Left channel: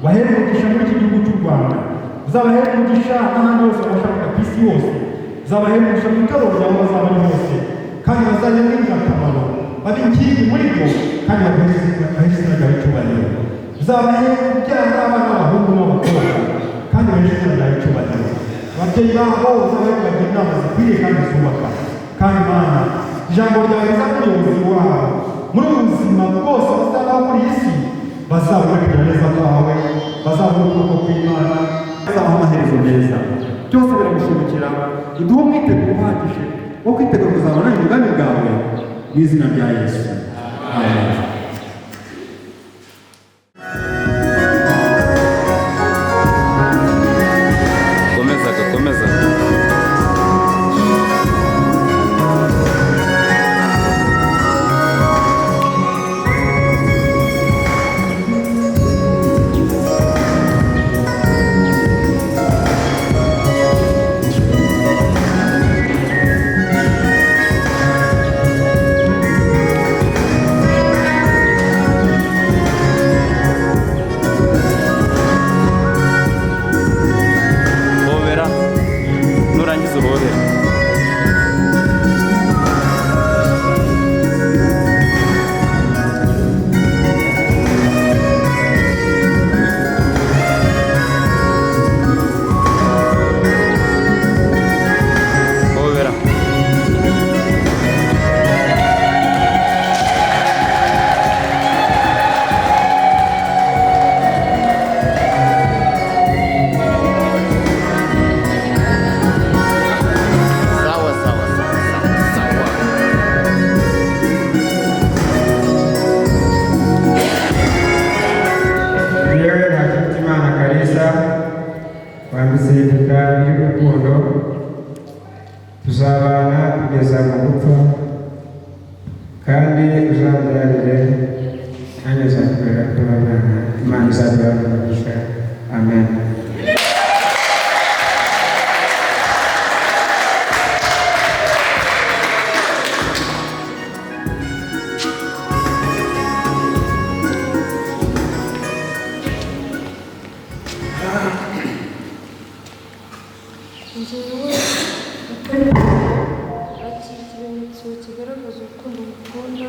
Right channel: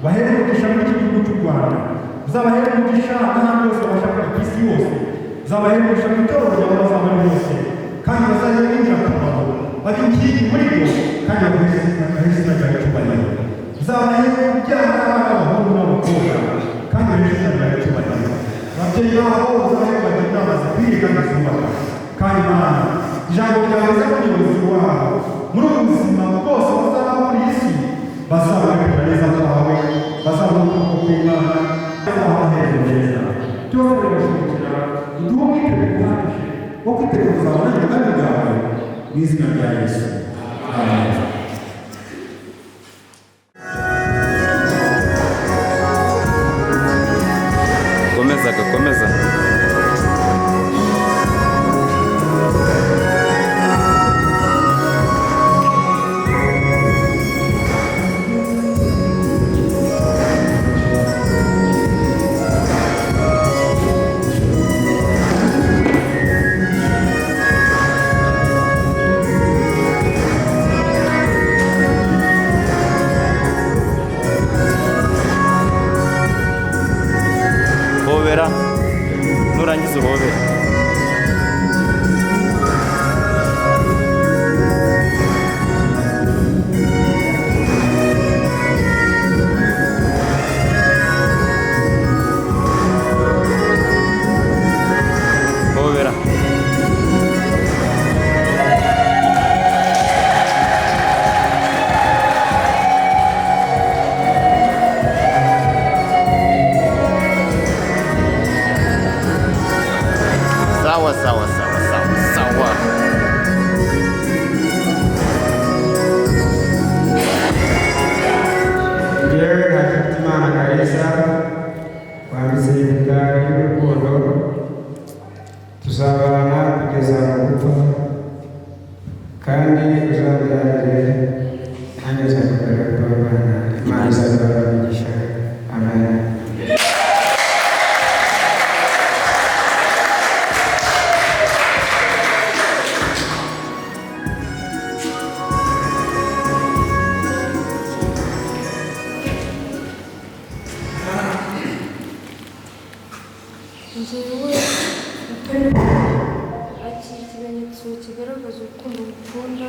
ubahere umugisha muri iki gihugu cy'u Rwanda, uzabahere umugisha n'ahandi hose bashaka ku isi yose, uzabahere umugisha mu itorero ryawe bazaba ari hose, kandi bazajya b'ingirakamaro babe inkingi muri byo, kandi baguhe izina ryawe icyubahiro. Uzabahere kubyara abana b'abahungu n'abakobwa, kandi bahe izina ryawe icyubahiro. Ababyeyi babo uzabahe kubagira inama zikwiriye kandi zubaka, kandi Mana ijambo ryawe riza umuyobozi wabo muri ubu buzima bwose bazabaho muri iyi si, bazabona kugira neza kwawe, bazabona ukuboko kw'Imana, bazabona amaherezo meza. Byose biragushimikira, uduhe umwiteguro uhagije wo kwitegura kuzabona imigambi bwawe mu izina rya Yesu. Amen. Komeza. Nurangiza uhobera. Hobera. Sawa. Leo Imana Kalisa wanditse igitabo cy'urukundo, tuzabana kugeza mu gupfa, kandi uzageragere nanjye nzakubera tubabana. Imana izaduha umugisha. Amen. Njyewe akira ikimenyetso kigaragaza urukundo ngukunda,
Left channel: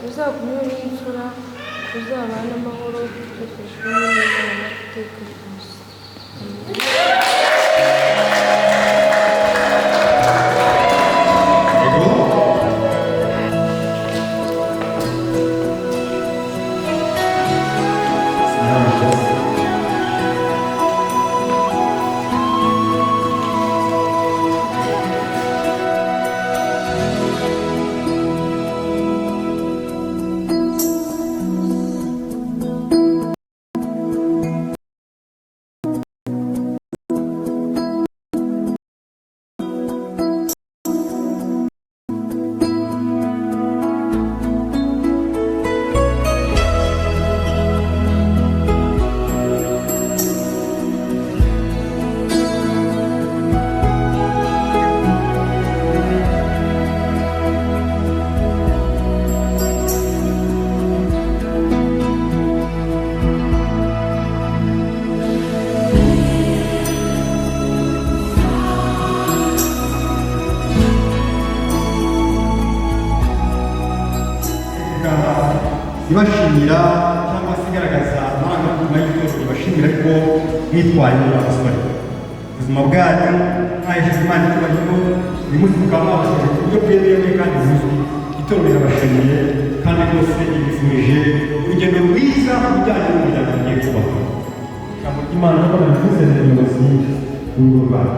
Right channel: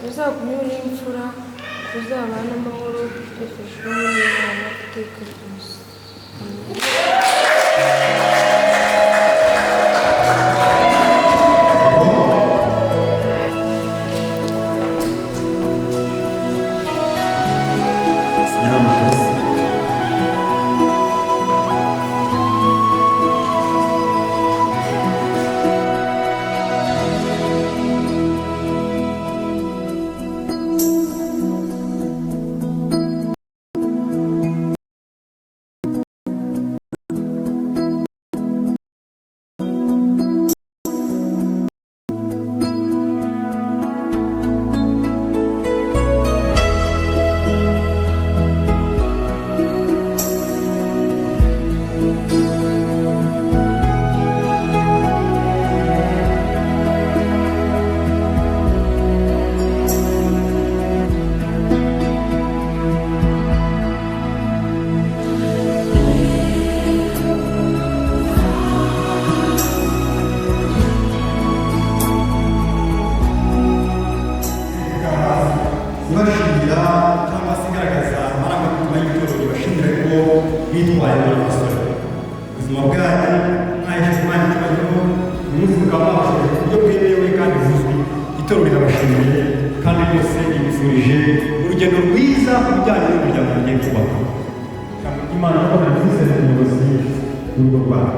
ruzagumyeho n'imfura, ruzabana amahoro, dufashijwemo n'Imana iteka ryose. ibashimira cyangwa se igaragaza amarangamutima y'itorero, ibashimira ko bitwaye muri abasore ubuzima bwanyu mwahesheje Imana icyubahiro. Uyu munsi mukaba mwabashije ku buryo bwemewe kandi buzwi. Itorero rirabashimiye kandi rwose ibifurije urugendo rwiza ku bijyanye n'umuryango mugiye kubaka. Ijambo ry'Imana ko nabivuze mu buyobozi bw'urugo rwawe,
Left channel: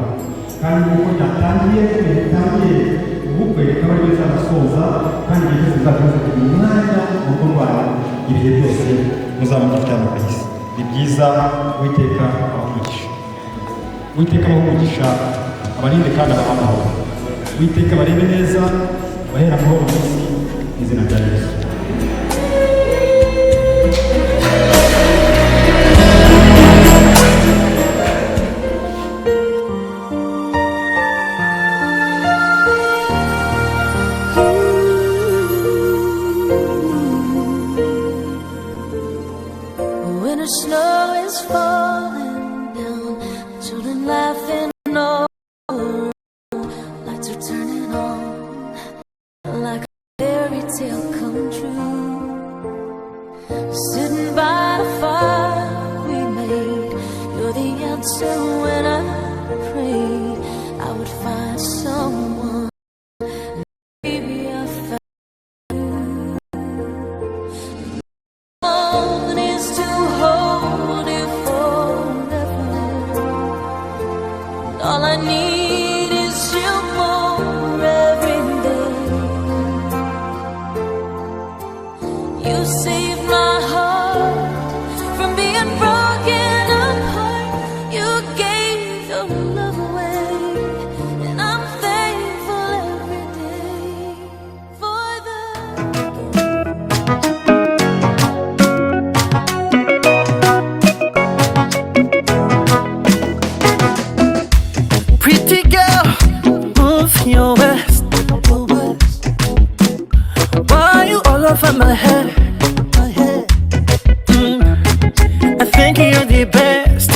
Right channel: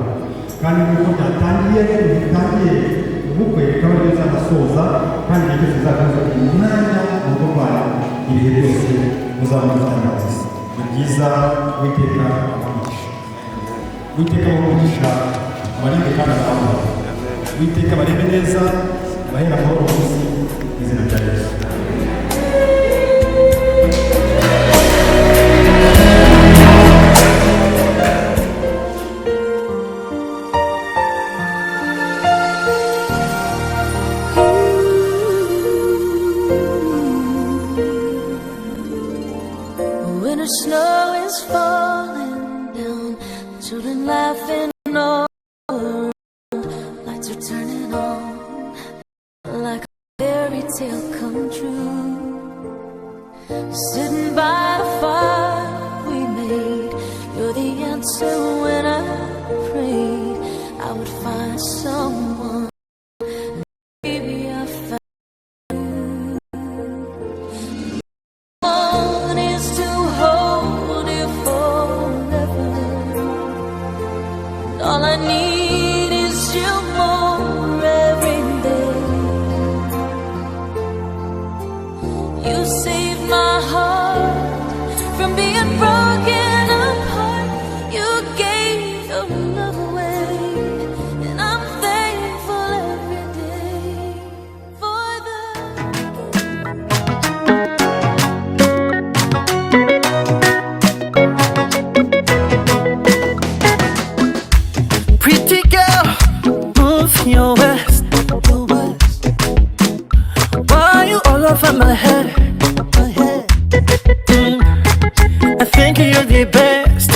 kandi nk'uko ryatangiye ubukwe rikaba rizasoza, kandi igihe cyose uzakomeza kugira umwanya mu rugo rwawe, ibihe byose muzaba mugifitanye akazi. Ni byiza. Uwiteka abaha umugisha, abarinde kandi abaha amahoro. Uwiteka barebe neza, bahera amahoro munsi mu izina rya Yesu. Snow is tale come true. Sitting by the fire we made, you're the answer when I prayed I would find someone. Maybe I found one is to hold you forever. And all I need is you more every day. You saved my heart from being broken apart. You gave your love away, and I'm thankful every day for the Pretty girl, move your waist. Why you all over my head? I think you're the best.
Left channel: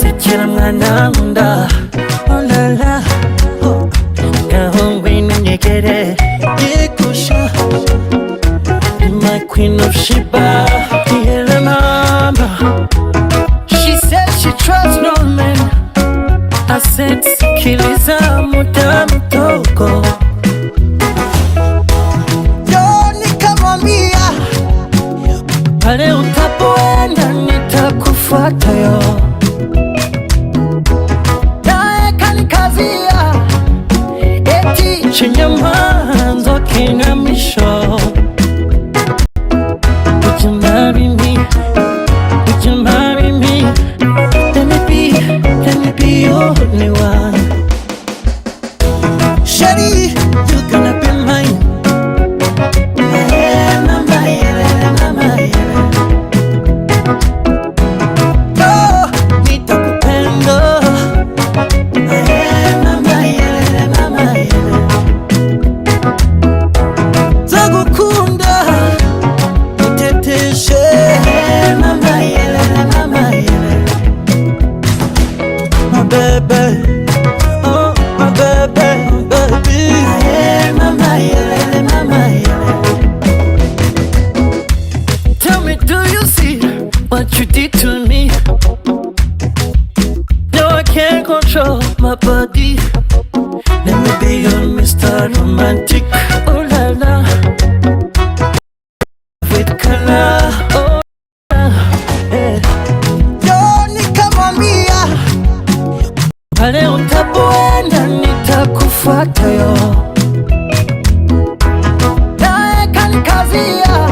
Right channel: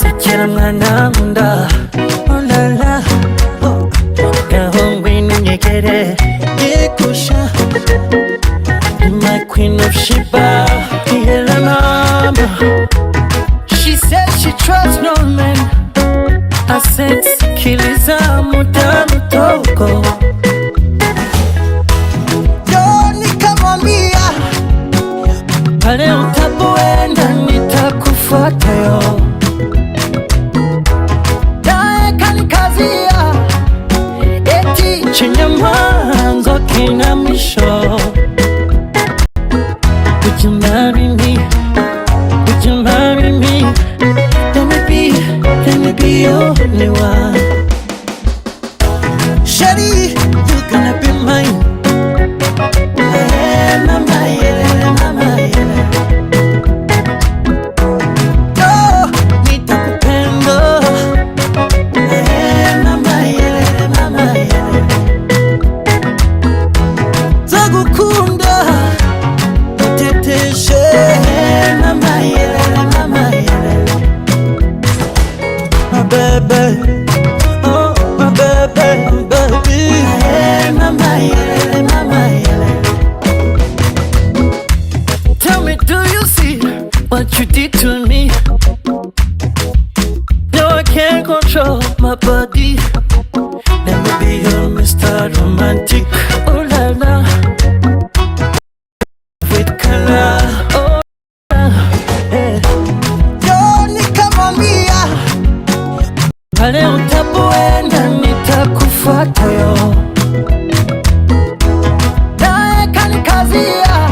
Sikira mwana munda, oh la la, oh. Gahongwe nunyegere, yekusha. Be my queen of Sheba, the mama. She said she trusts no man. I said sikiliza muda mdogo. Nikamwambia pale utapoenda nitakufuata yo. Naye kanikazia eti chenye mwanzo kina mwisho. Would you marry me? Would you marry me? Let me be your only one. Shawty, you gonna be mine. Mama, yeah, mama, yeah. Oh, nitakupenda. Mama, yeah, mama, yeah. Takukunda, uteteshe. Mama, yeah, mama, yeah. My baby, oh my baby, baby. Mama, yeah, mama, yeah. Tell me, do you see what you did to me? No, I can't control my body. Let me be your Mr. Romantic. Oh la la, with color. Oh la, yeah. Yo, nikamwambia pale utapoenda nitakufuata yo. Naye kanikazia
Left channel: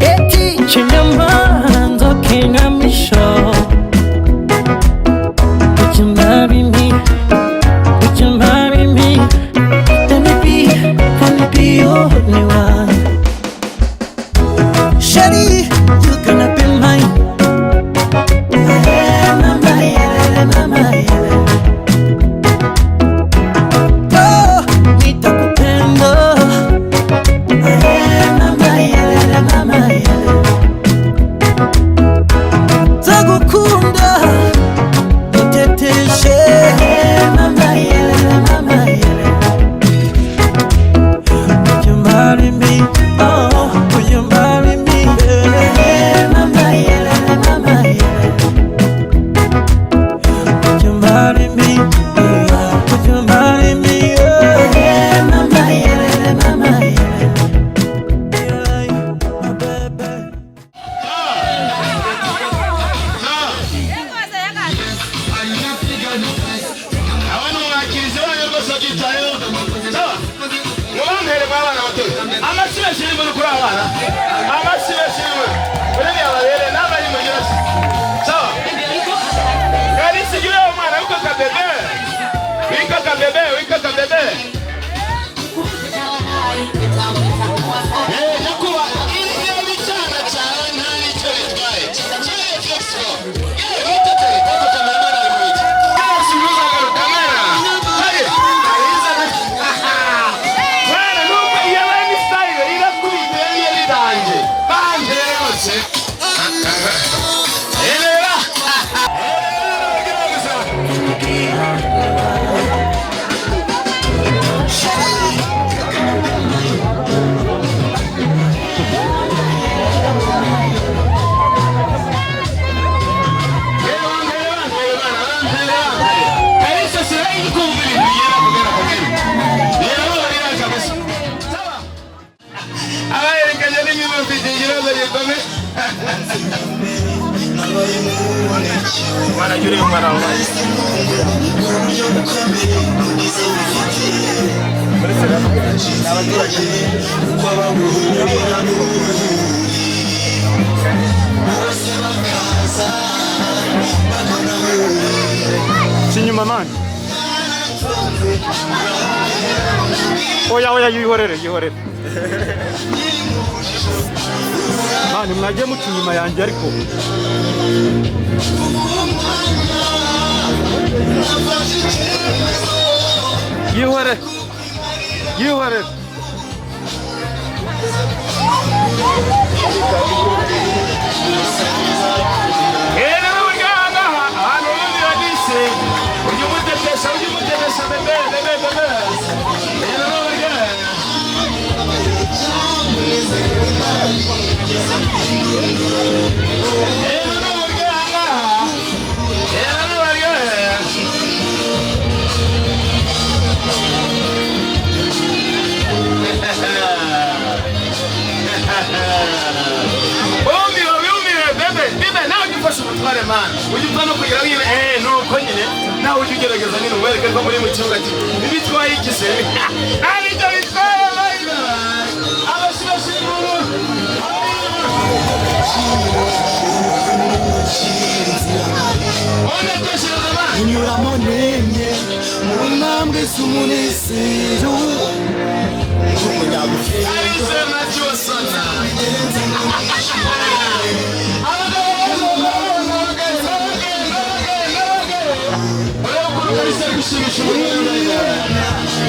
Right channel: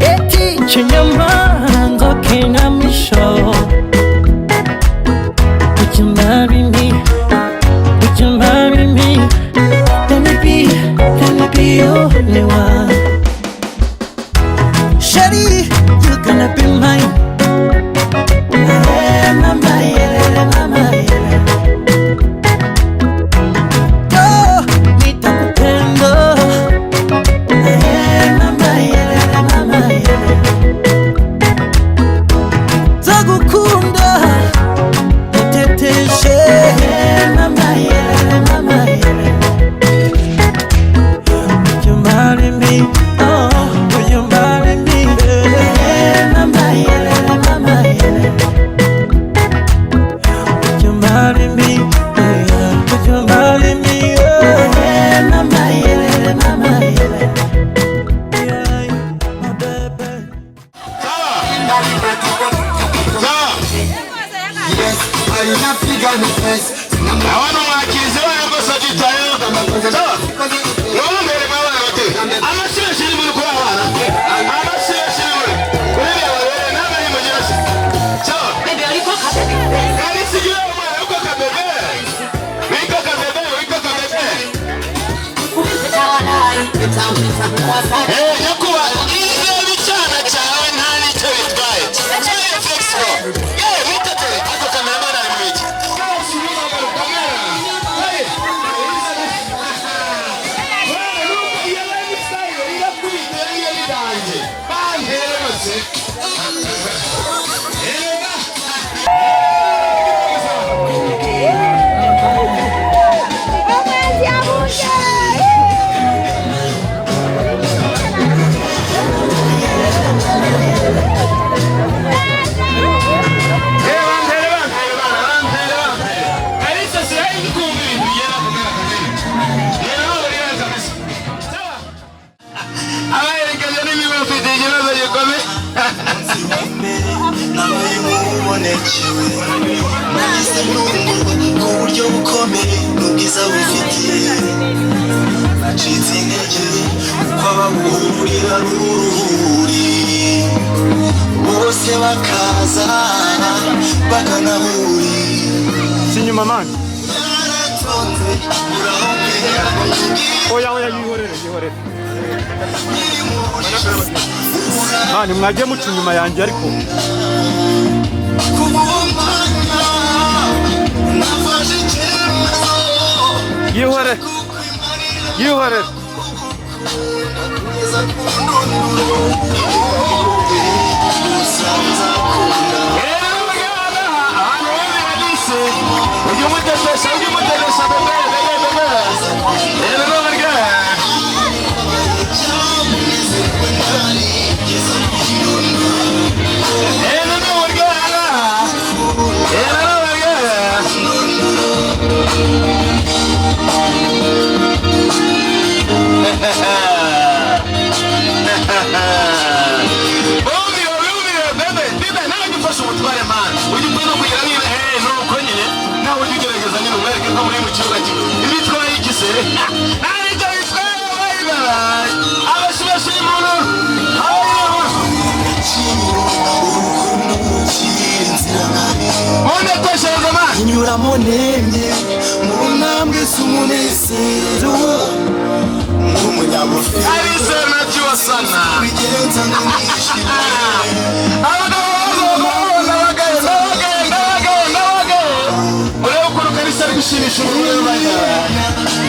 eti chenye mwanzo kina mwisho. Would you marry me? Would you marry me? Let me be your only one. Shawty, you gonna be mine. Mama, yeah, mama, yeah. Oh, nitakupenda. Mama, yeah, mama, yeah. Takukunda, uteteshe. Mama, yeah, mama, yeah. Would you marry me? Oh, will you marry me? Mama, yeah, mama, yeah. Would you marry me? Yeah. Would you marry me? Yeah. Mama, yeah, mama, yeah. Yeah, my baby. Chinyuma man. Oya yihorere. Mani mwagiye muca inyuma yanjye ariko. Yihorere. Inyura monene munambwe sumunezero umunyabufite arizema cyosana gushimisha umuriro bajya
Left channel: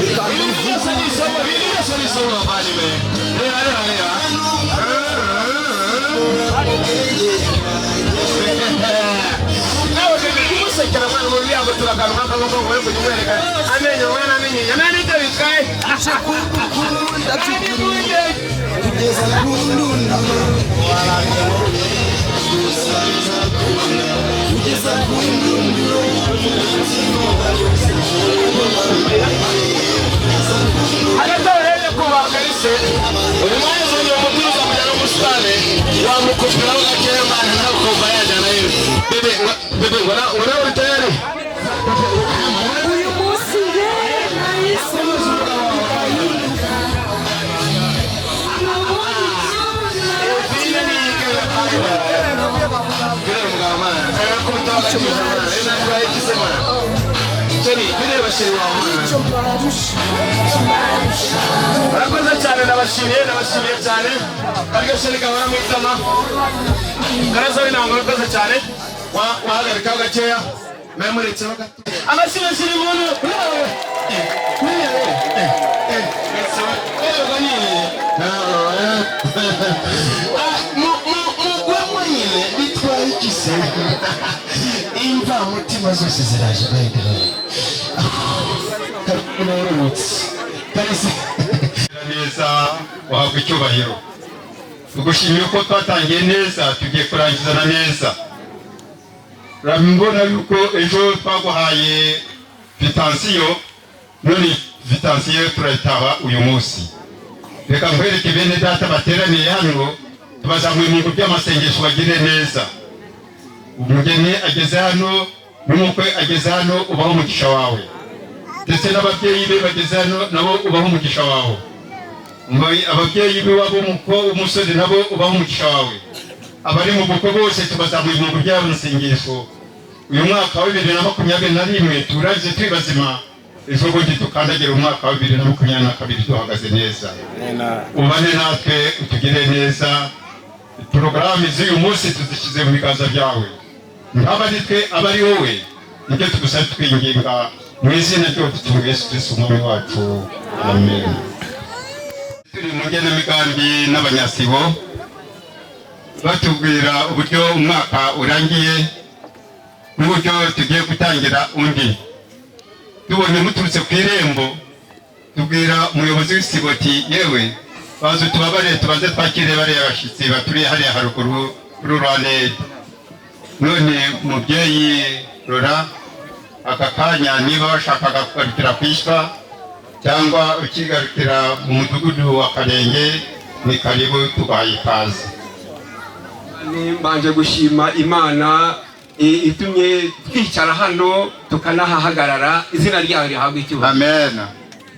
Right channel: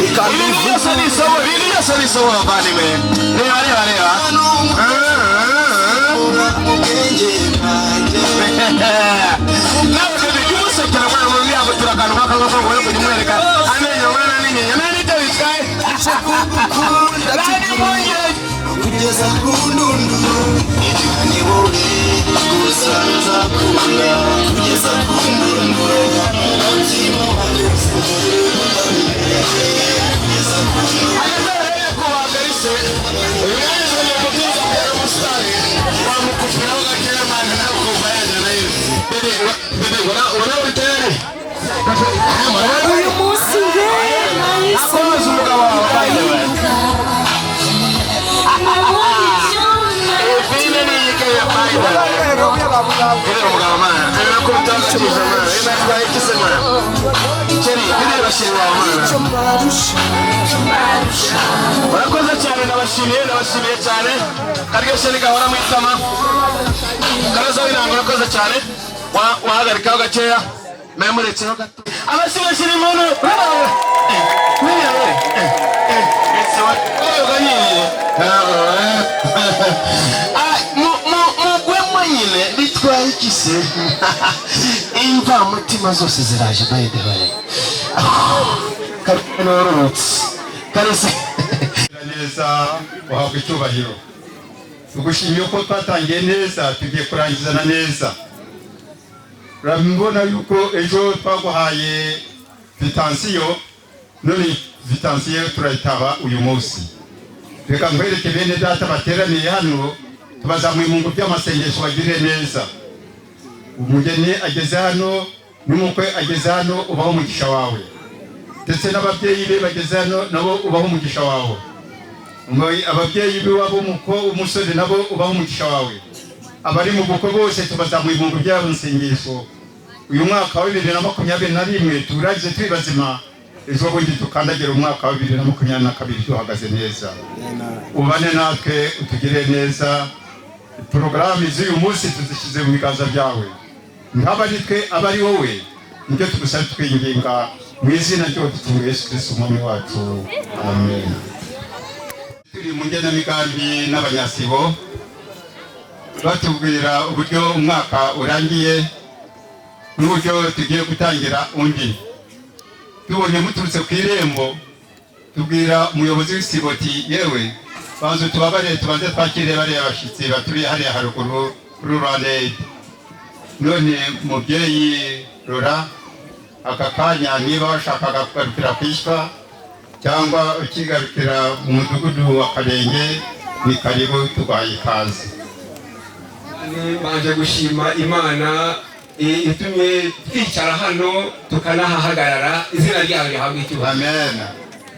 ikambivuga niso bavani we reba nawe bimusekera mwana mu byago turaganuka akagoso ngo yo kumwereka amenyo mwana n'inyenye nani cyo bitwaye acha kukunda tukuye kugeza ku ndundu wanjye wowe gusanza kunda kugeza ku ndundu uyu munsi nahise Murakoze cyane nabashimiye cyane ariko sheri gahora mu itama Gaza binango murakoze cyane wahagarikaho gakeya memuretseho gato abashimishira umuntu nyine bitwaye ikise imva mutima zose ziraje bayidebaye karese neza wahabwa icyubahiro tugushimiye uko twatangiye neza tugiye kurangizana neza urabona yuko ejo twaguhaye vitansiyo none vitansiyo turayitaba uyu munsi reka nkwereke bene data bateraniye hano tubazamuye mu by'amasengesho bagire neza umugeni ageze hano n'umukwe ageze hano ubaho umugisha wawe ndetse n'ababyeyi be bageze hano nabo ubaho umugisha wawe ababyeyi be wabo umusore nabo ubaho umugisha wawe abari mu bukwe bose tubazamuye mu by'amasengesho uyu mwaka wa 2021 turaje turi bazima ejo bundi tukandagira umwaka wa 2022 duhagaze neza ubane natwe utugire neza porogaramu z'uyu munsi tuzishyize mu biganza byawe ntabari twe abari wowe nibyo tugusaba twinginga mu izina ry'Umwami Yesu Kristo umwami wacu amen. Turi mu ngenamigambi n'abanyasibo batubwira uburyo umwaka urangiye n'uburyo tugiye gutangira undi tubonye muturutse ku irembo tubwira umuyobozi w'isibo ati yewe bazo tubabare tubanze twakire bariya bashyitsi baturiye hariya haruguru rurale none mubyeyi Rora aka kanya niba bashakaga kugarukira kwishwa cyangwa ukigarukira mu mudugudu wa Karenge ni karibu tubaye ikaze. Banje gushima Imana itumye twicara hano tukanahahagarara. Izina ryawe rihabwe icyubahiro. Amen.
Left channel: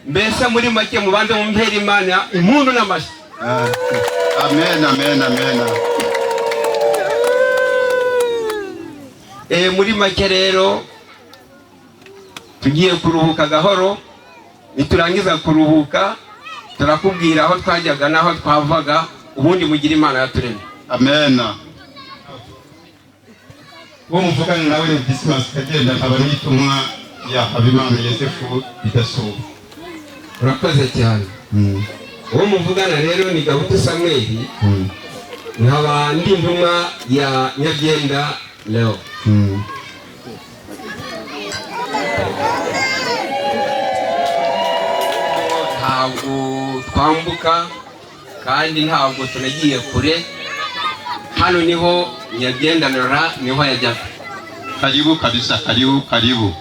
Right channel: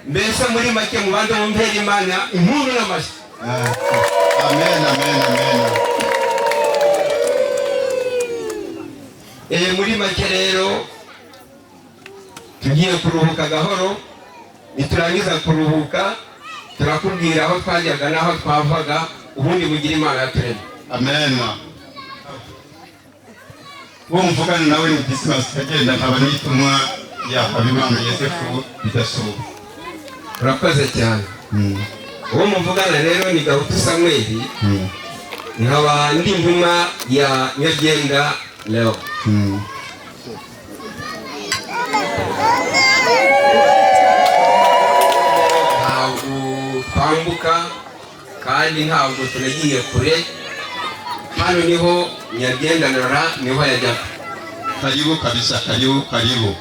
Mbese muri make mubanze mumpera Imana impundu n'amashyi. Amen, amen, amen. Muri make rero tugiye kuruhuka gahoro, niturangiza kuruhuka turakubwira aho twajyaga n'aho twavaga, ubundi mugira Imana yaturemye. Amen. Uwo muvugana nawe ni Dismas Kagenda, nkaba nitumwa ya Habimana Yosefu Bidasubwa. Urakoze cyane. Uwo muvugana rero ni Gahutu Samuel, nkaba ndi intumwa ya Nyabyenda Leo. Ntabwo twambuka kandi ntabwo tunagiye kure, hano niho Nyabyenda Lora niho yajyaga. Karibu kabisa, karibu, karibu.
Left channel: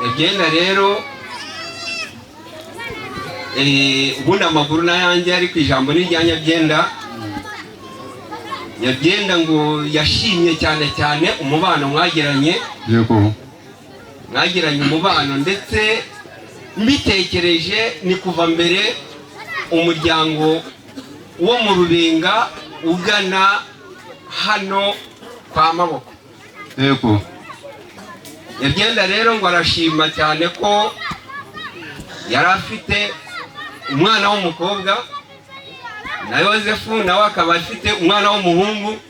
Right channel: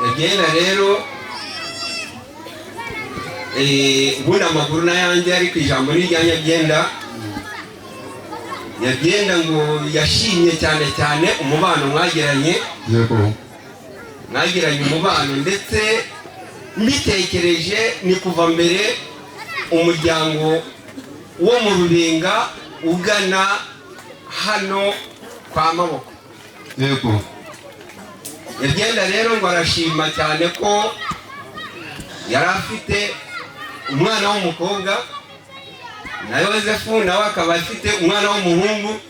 Nyabyenda rero ubundi amakuru n'ayanjye ari ku ijambo n'irya Nyabyenda. Nyabyenda ngo yashimye cyane cyane umubano mwagiranye. Yego. Mwagiranye umubano, ndetse mbitekereje ni kuva mbere umuryango wo mu Rubenga ugana hano kwa Maboko. Yego. Nyabyenda rero ngo arashima cyane ko yari afite umwana w'umukobwa, na Yosefu nawe akaba afite umwana w'umuhungu.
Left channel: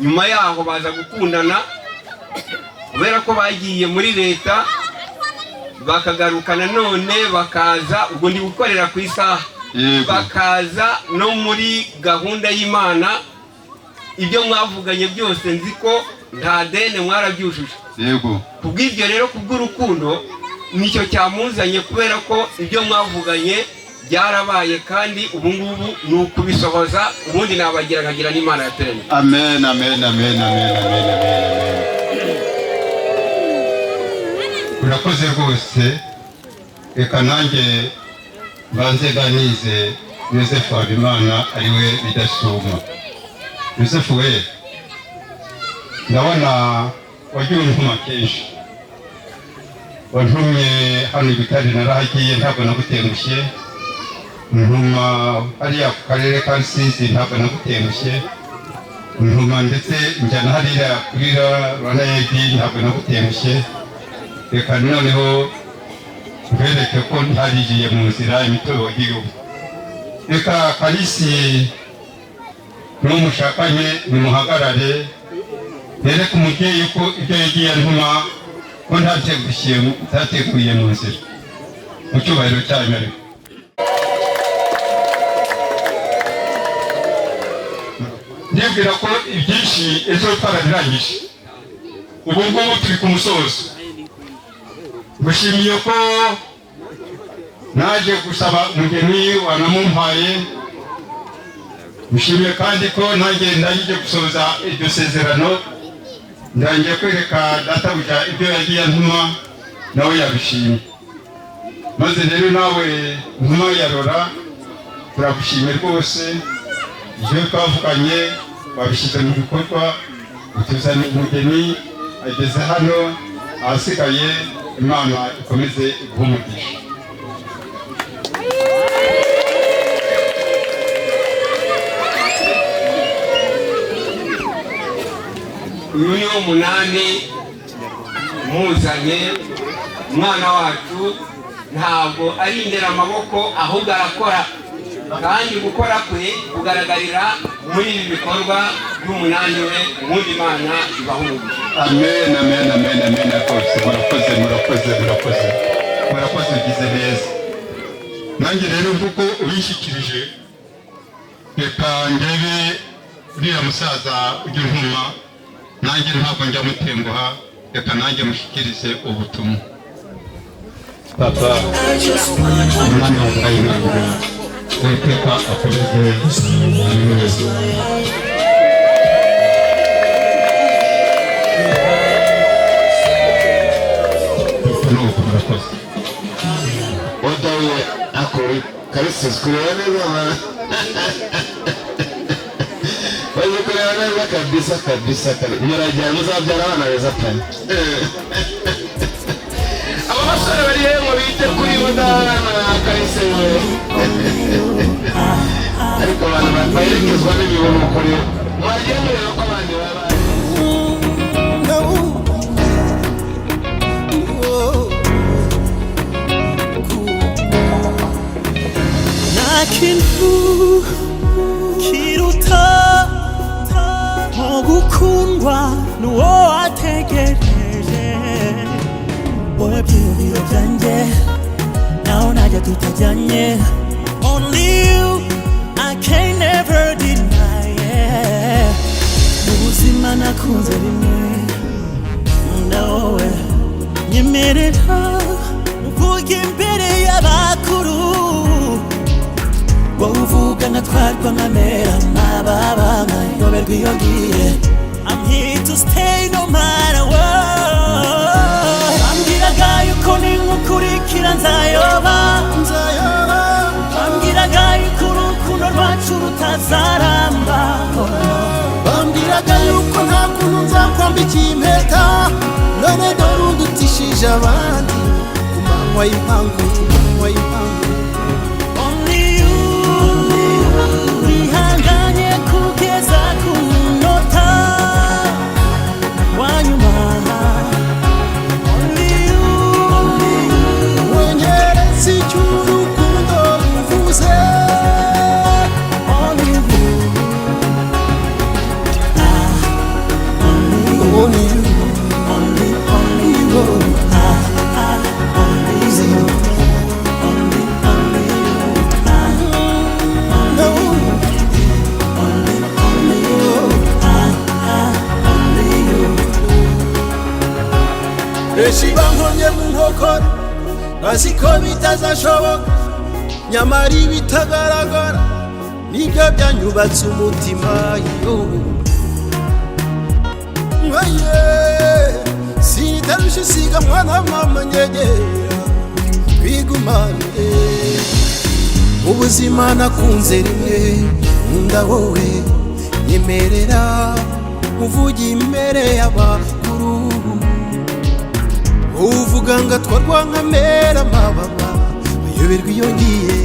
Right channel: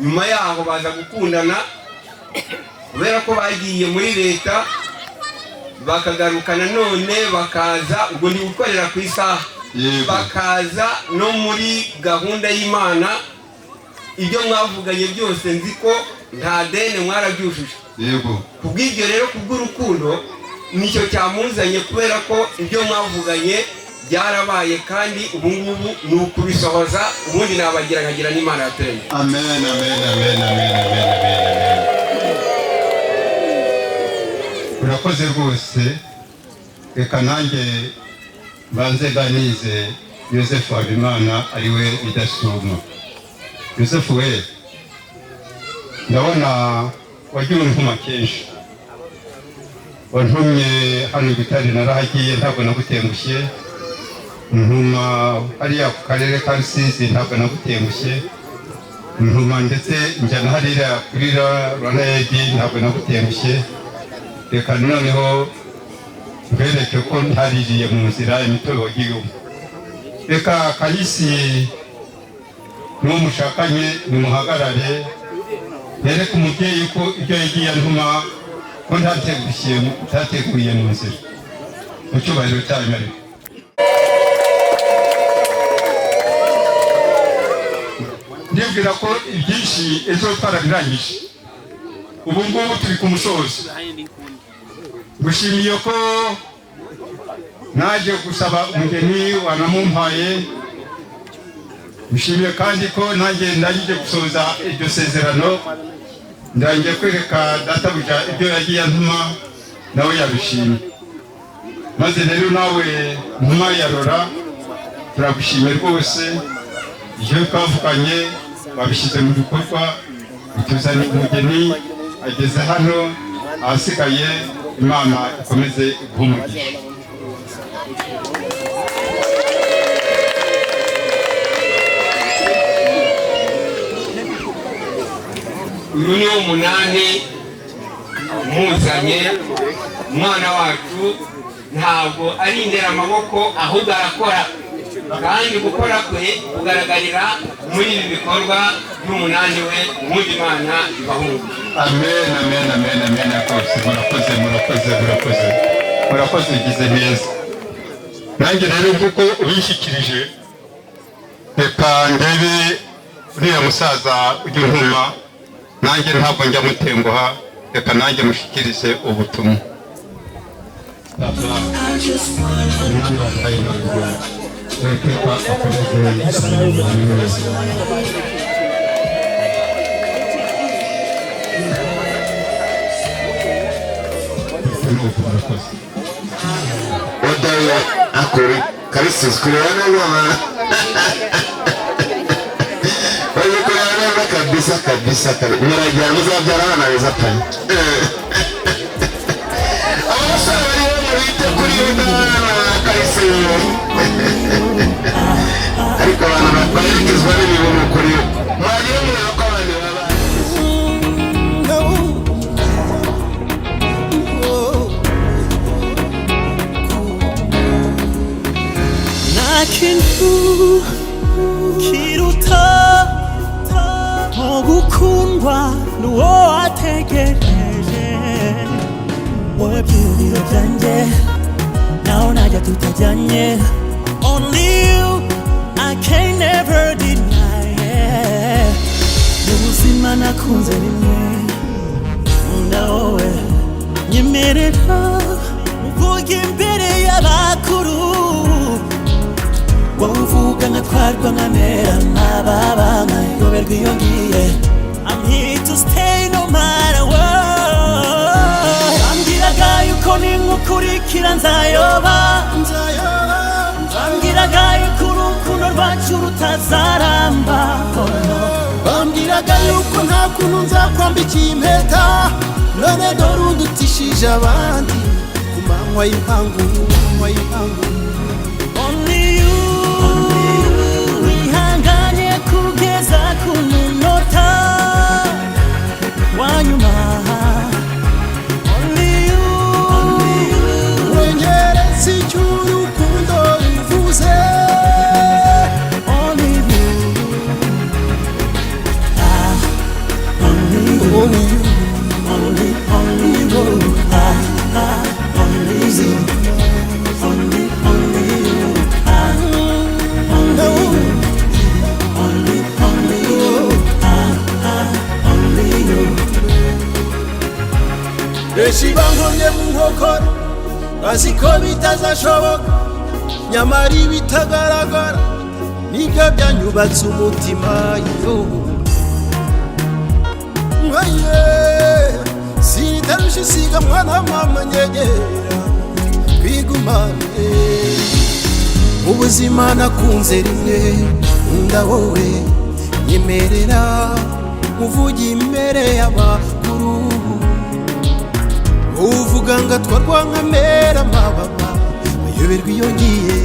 Nyuma yaho baza gukundana kubera ko bagiye muri leta, bakagaruka nanone bakaza, ubwo ndi gukorera ku isaha, bakaza no muri gahunda y'Imana. Ibyo mwavuganye byose nzi ko nta dene mwarabyujuje. Yego. Kubw'ibyo rero kubw'urukundo nicyo cyamuzanye, kubera ko ibyo mwavuganye byarabaye kandi ubu ngubu ni ukubisohoza, ubundi nabagira nkagira n'Imana yaturemye. Amen, amen, amen, amen, amen. Urakoze rwose. Reka nanjye mbanze ganize Yosefu Habimana ariwe Bidasubwa. Yosefu we, ndabona wagiye untuma kenshi. Wantumye hano i Butare, narahagiye ntabwo nagutengushye. Ntuma hariya ku karere ka Rusizi, ntabwo nagutengushye. Ntuma ndetse njyana hariya kuri Rwanda Aid, ntabwo nagutengushye. Reka noneho mbereke ko ntaririye mu nzira imitobe wagiyemo. Reka Kalisi n'uwo mushakanye nimuhagarare, nereke umubyeyi ko ibyo yagiye antuma ko ntateguye mu nzira, mu cyubahiro cyanyu. Ariko ndibwira ko ibyinshi ejo twarabirangije, ubu ngubu turi ku musozo. Gushimiye ko naje gusaba umugeni wanamumpaye. Gushimiye kandi ko nanjye ndangije gusoza iryo sezerano, ndangiye kwereka databuja ibyo yagiye antuma, nawe yabishimye. Maze rero nawe ntuma yarora, turagushimiye rwose. Ibyo twavuganye wabishyize mu bikorwa, utuzaniye umugeni ageze hano. Ahasigaye Imana ikomeze iguhe umugisha. Uyu ni umunani muzanye. Umwana wacu ntabwo ari indera amaboko, ahubwo arakora, kandi gukora kwe kugaragarira muri ibi bikorwa by'umunani we. Ubundi Imana ibahe umugisha. Amen, amen, amen, amen. Murakoze, murakoze, murakoze, murakoze, ugize neza. Nanjye rero kuko ubishyikirije, reka ndebe uriya musaza ujya untuma, nanjye ntabwo njya mutenguha, reka nanjye mushyikirize ubutumwa. Papa, umwami wabaye Imana, reka akomeze neza. Odawa akori Kalisi kurana mama. Oyo kurana kabisa kabisa kabisa. Muragira muzabyara abana beza pe. Abasore bari bite kuri yo kalise yo. Ariko abantu bayitezwe n'ibintu kuri yo. Mwagiye mureba ko abandi baba. Nakintu kiruta gukundwa n'uwo wategereje wowe byiyumviro byanjye naho najya tutajyanye only you I can never deny it mu buzima nakunze rimwe nkunda wowe nyemerera muvuge imbere y'abakuru wowe uvuga nkatwarwa nkamera amababa nkayoberwa iyo ngiye I'm here to stay no matter what bambwiraga yuko ninkukurikira nzayoba bambwiraga yuko urukundo rwacu rutazaramba bambwiraga yuko nta kuntu nzakwambikiye impeta none dore undutishije abandi ku manywa y'impangu only you wihanganye kugeza ku munota wa nyuma only you wenyeretse icyo urukundo ruvuze only you only you only you only you only you benshi bankomye mu nkokora bazi ko bitazashoboka nyamara ibitagaragara nibyo byanyubatse umutima yo sinitarusha isiga mwana mama nyegera twigumane mu buzima nakunze rimwe nkunda wowe nyemerera muvuge imbere y'abakuru uvuga ngatwarwa nkamera amababa bayoberwa iyo ngiye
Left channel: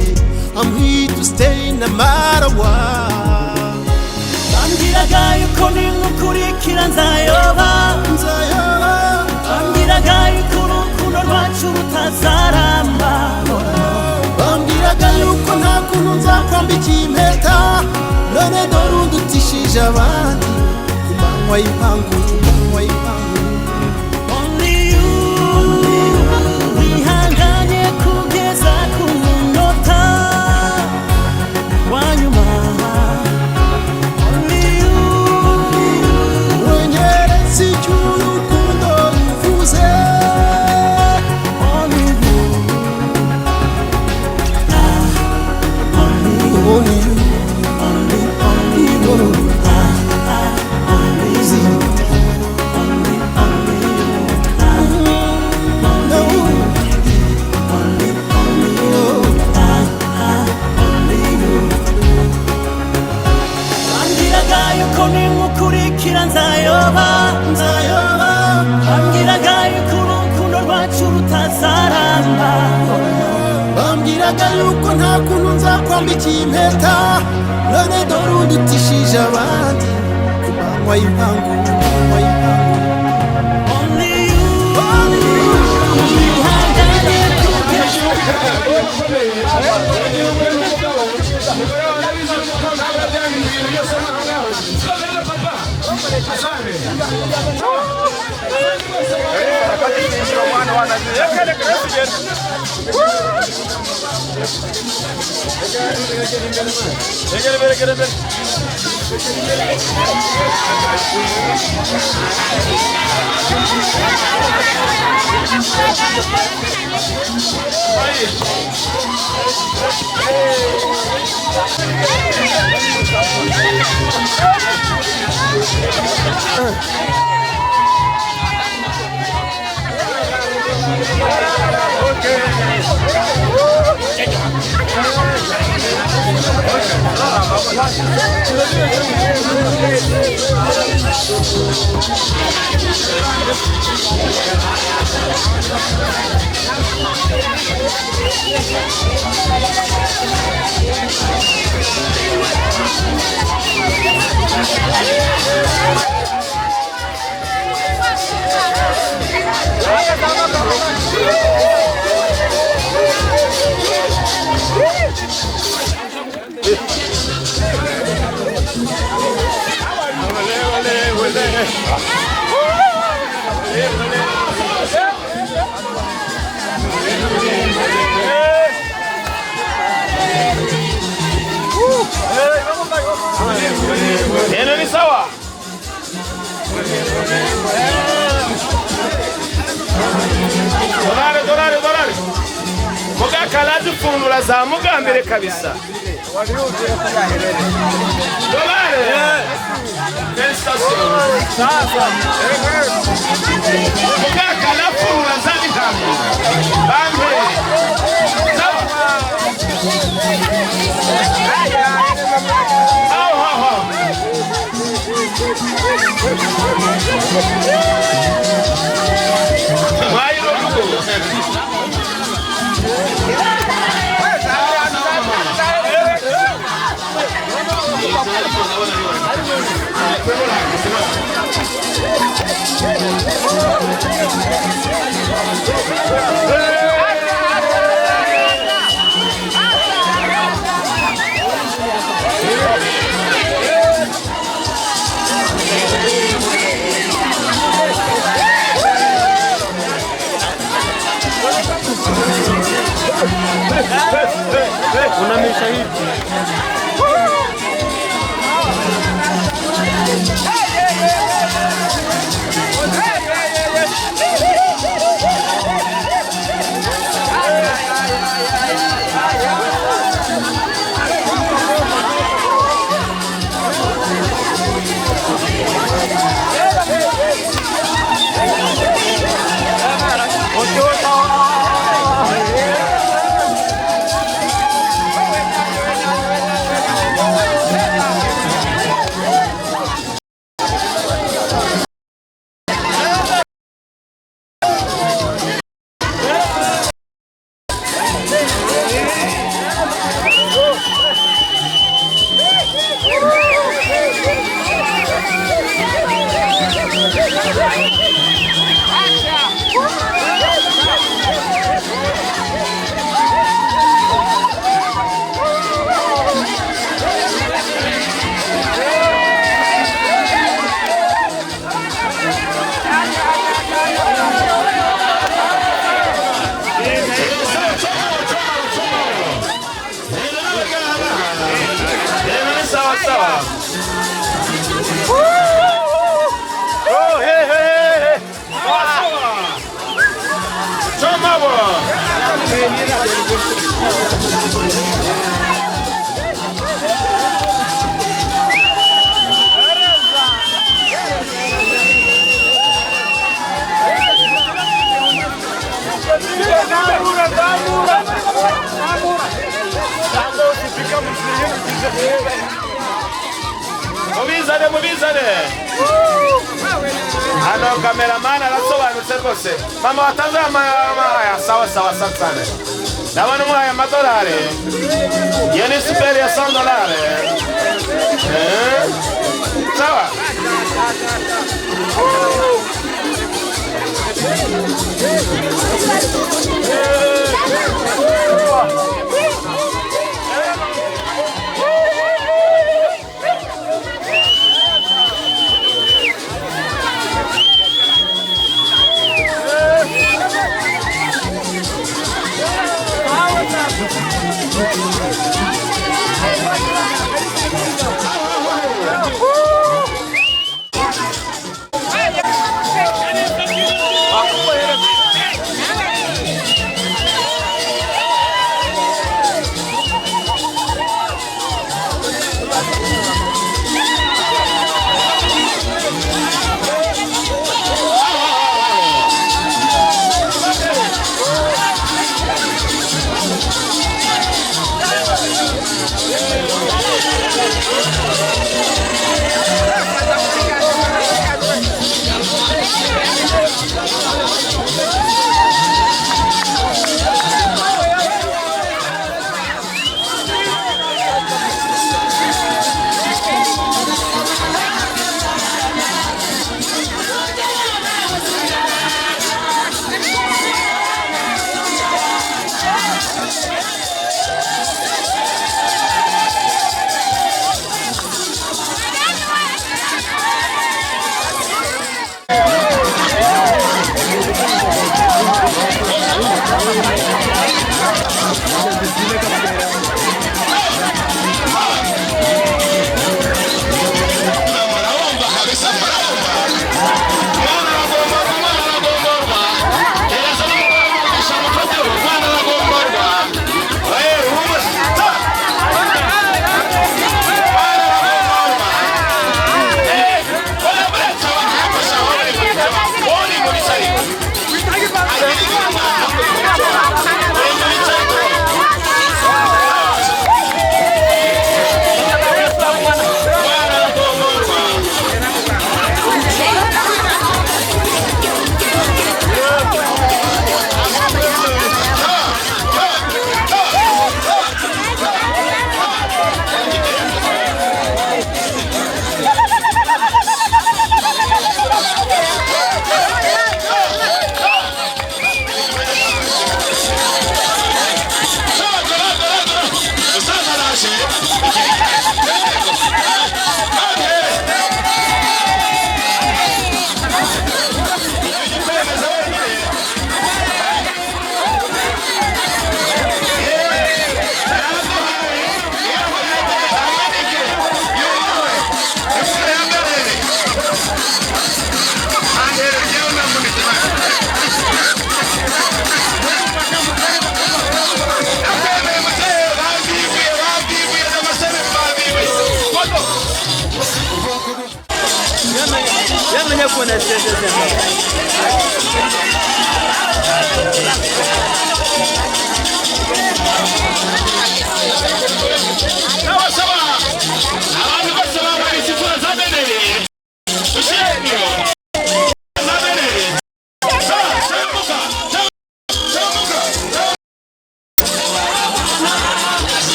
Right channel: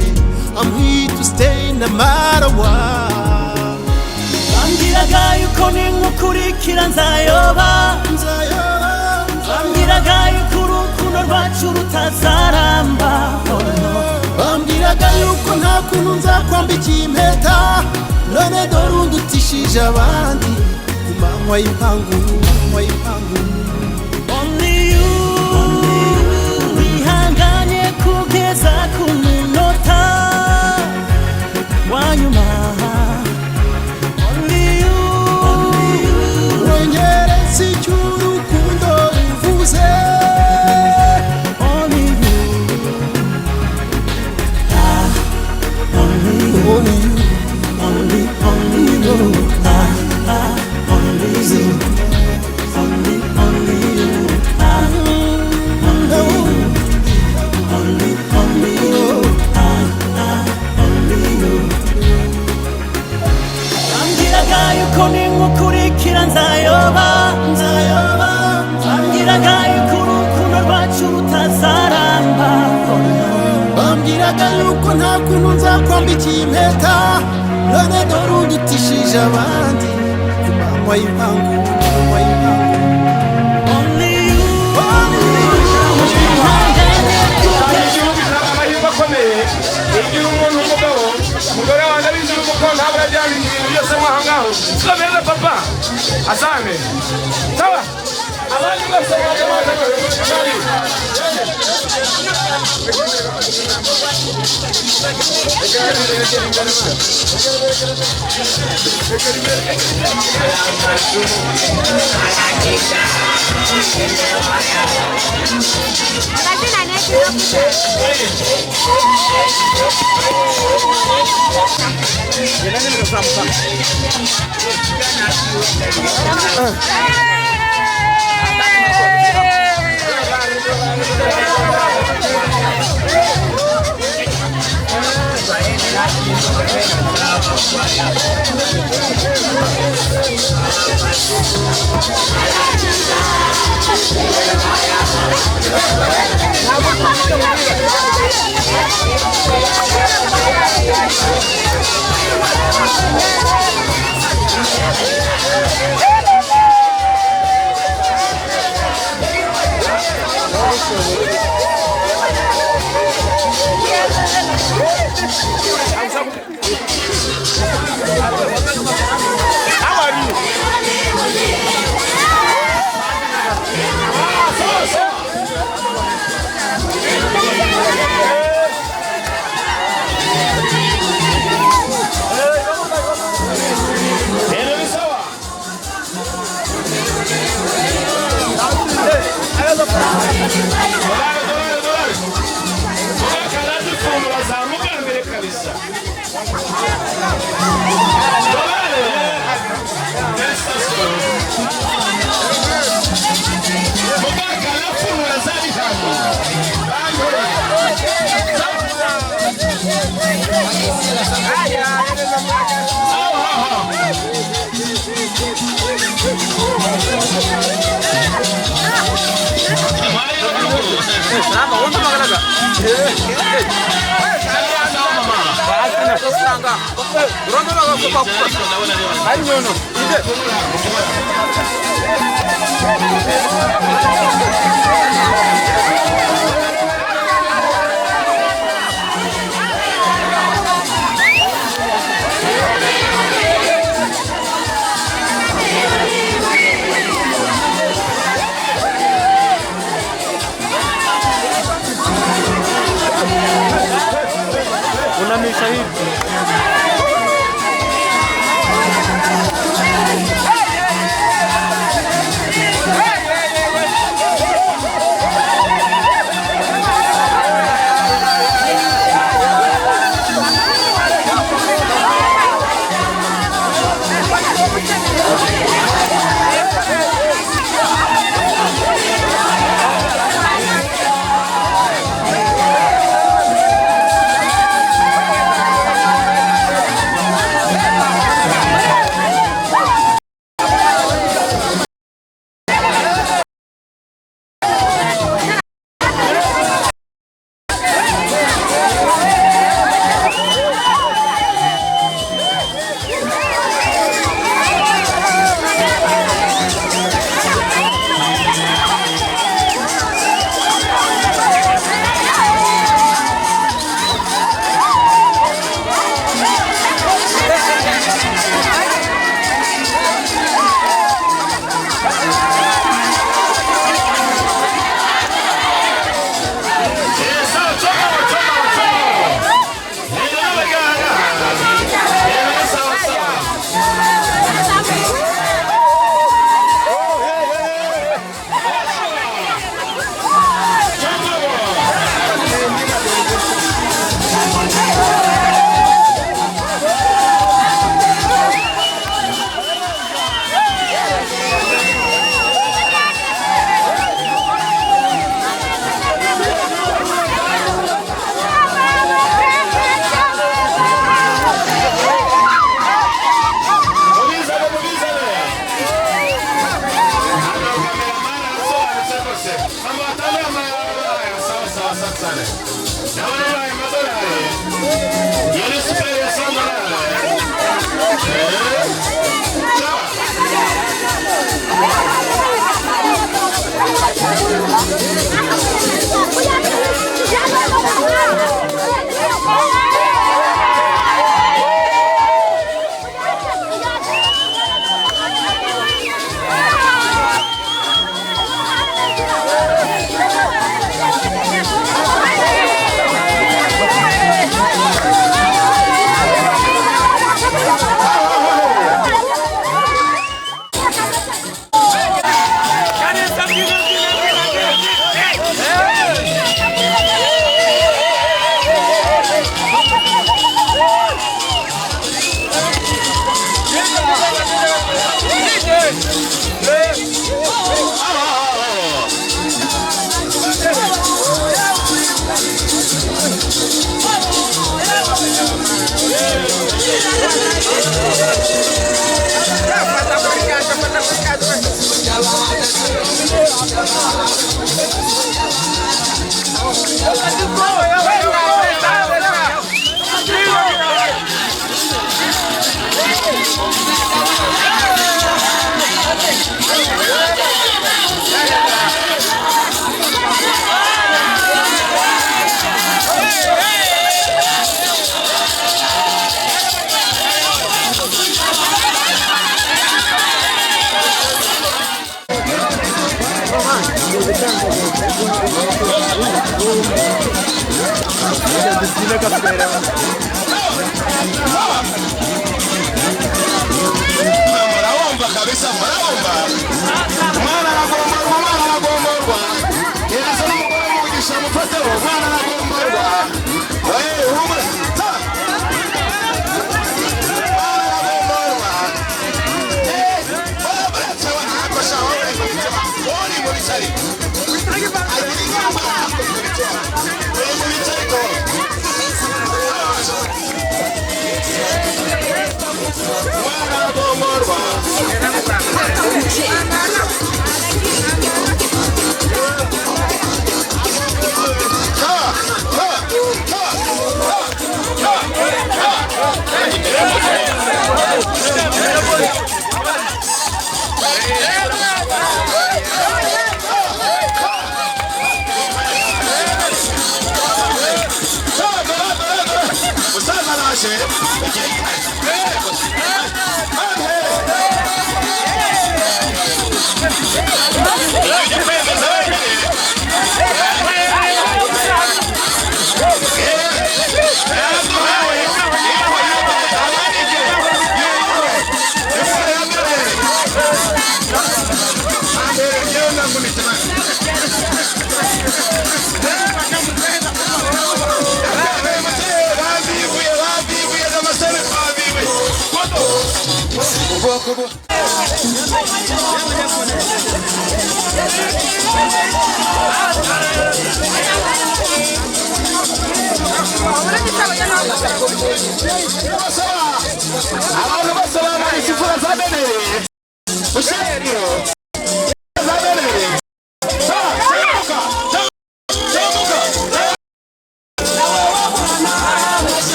I'm here to stay no matter what bambwiraga yuko ninkukurikira nzayoba bambwiraga yuko urukundo rwacu rutazaramba bambwiraga yuko nta kuntu nzakwambikiye impeta none dore undutishije abandi ku manywa y'impangu only you wihanganye kugeza ku munota wa nyuma only you wenyeretse icyo urukundo ruvuze only you only you only you only you only you yuko ninkukurikira nzayoba bambwiraga yuko urukundo rwacu rutazaramba bambwiraga yuko nta kuntu nzakwambikiye impeta none dore undutishije abandi ku manywa y'impangu only you wihanganye kugeza Zamuka mbele kabisa. Dolare. Station. Mugaka la furula zabi tangu. Bambe. Aya, ene mamaka. Unamisha hivi. Mama watazama haya sawa sawa sana. Na wanunua haya madolari. Yale sipeli ya $100. Sawa. Fata por casa, Murabumva kabisa, murabumva. Mwana aragomborwa, mwana aragomborwa. Gereza n'umugore w'umugisha mufateho, mwana aragomborwa.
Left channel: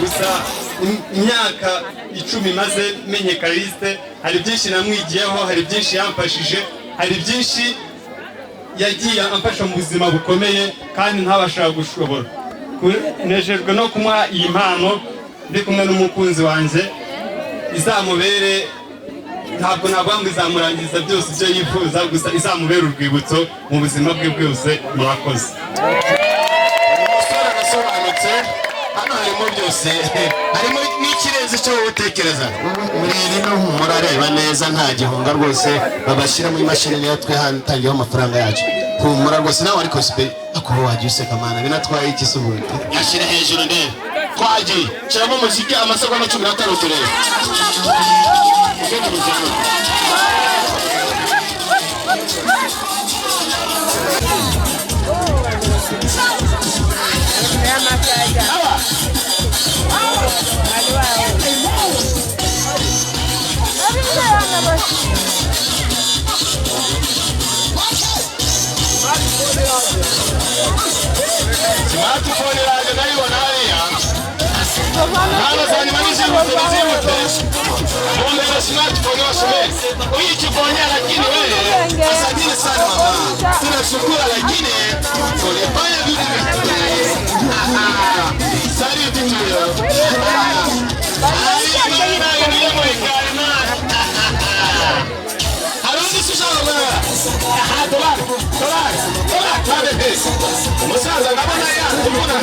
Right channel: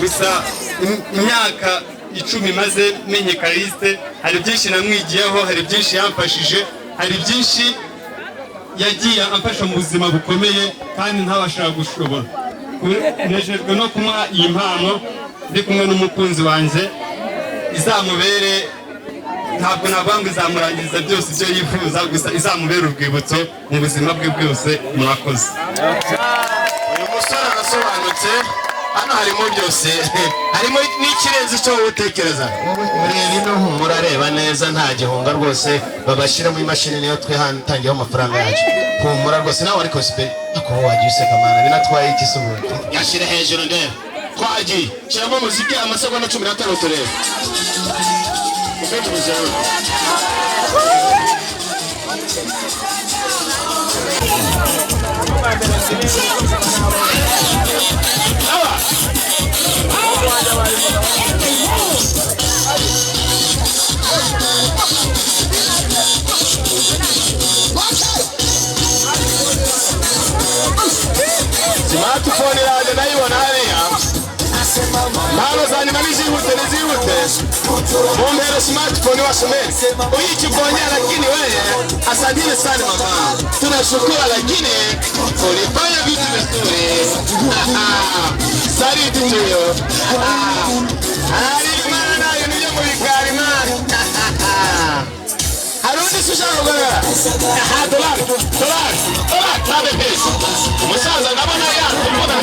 gusa imyaka 10 maze menye Kariste, hari byinshi namwigiyeho, hari byinshi yamfashije, hari byinshi yagiye amfasha mu buzima bukomeye kandi ntabasha gushobora. Nejejwe no kumuha iyi mpano ndi kumwe n'umukunzi wanjye, izamubere ntabwo nabanga izamurangiza byose ibyo yifuza, gusa izamubera urwibutso mu buzima bwe bwose. Murakoze. Umusore arasobanutse, hano harimo byose harimo n'ikirenze cyo utekereza rero murareba neza nta gihunga rwose babashyira mu imashini niyo twe hano tangiyeho amafaranga yacu humura rwose nawe ariko sipe ako wagiye useka mana binatwaye iki se ubu yashyira hejuru ndebe twagiye shyiramo umuziki amasegonda 15 turebe smartphone yaje nayibona hariya ntabwo zanyuma n'izihute mundo ya smartphone wasomee uyikifonyea lakini wewe asanteni sana mama tunashukuru lakini ulifanya vitu vizuri saliti tuyo harundi sushaka kubera dolari tabe pesa umusaza ndabona yakubona